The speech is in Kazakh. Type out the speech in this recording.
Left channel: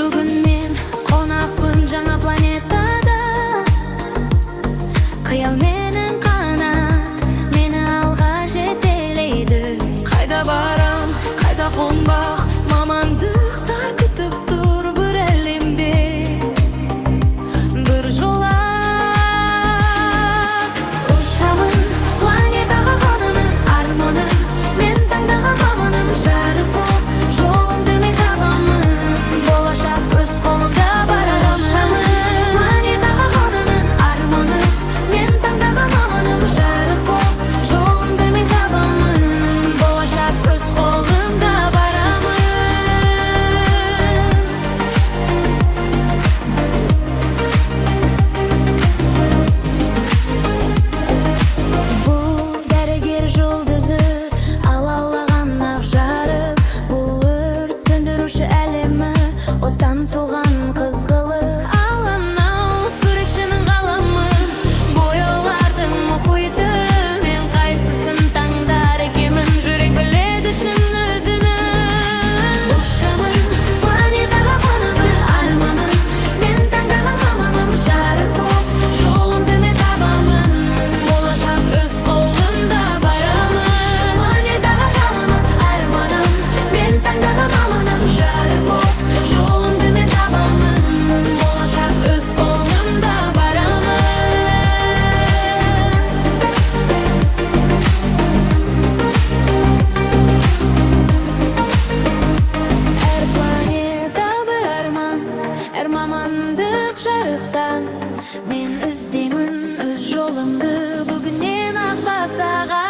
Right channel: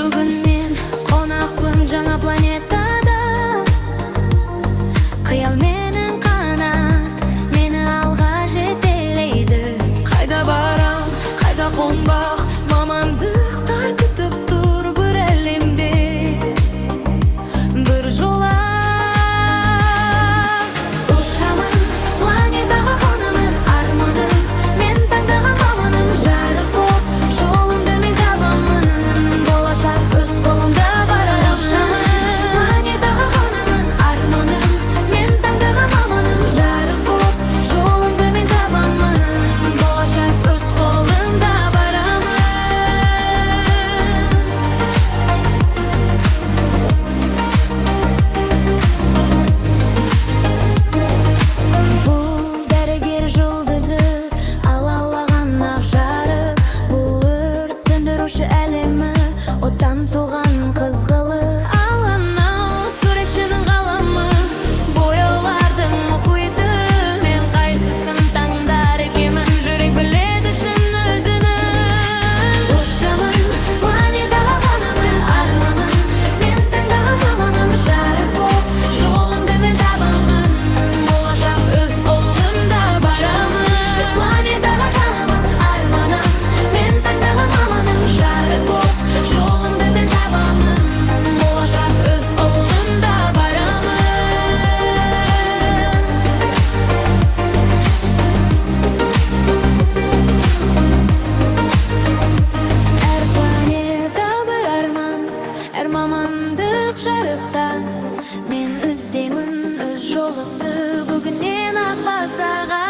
Бүгін мен қонақпын жаңа планетада. Қиял менің қанат, мені алға жетелейді. Қайда барам, қайда қонбақ, мамандықтар күтіп тұр бір әлемде. Бір жолақ ұшамын, планетаға қонамын, арманым мен таңдаған маманым. Жарық боп жолымды мен табамын, болашақ өз қолымда барамын. Ұшамын, планетаға қонамын, арманым мен таңдаған маманым. Жарық боп жолымды мен табамын, болашақ өз қолымда барамын. Бұл дәрігер жұлдызы, алаулаған ақ жарық. Бұл өрт сөндіруші әлемі, оттан туған қызғылы. Ал анау суретшінің қаламы, бояулардың мұхиты. Мен қайсысын таңдар екемін, жүрек біледі шын өзінің. Ұшамын, планетаға қонамын, арманым мен таңдаған маманым. Жарық боп жолымды мен табамын, болашақ өз қолымда барамын. Планетаға қонамын, арманым мен таңдаған маманым. Жарық боп жолымды мен табамын, болашақ өз қолымда барамын. Әр планета бір арман, әр мамандық жарықтан. Мен іздеймін өз жолымды, бүгіннен ақ бастаған.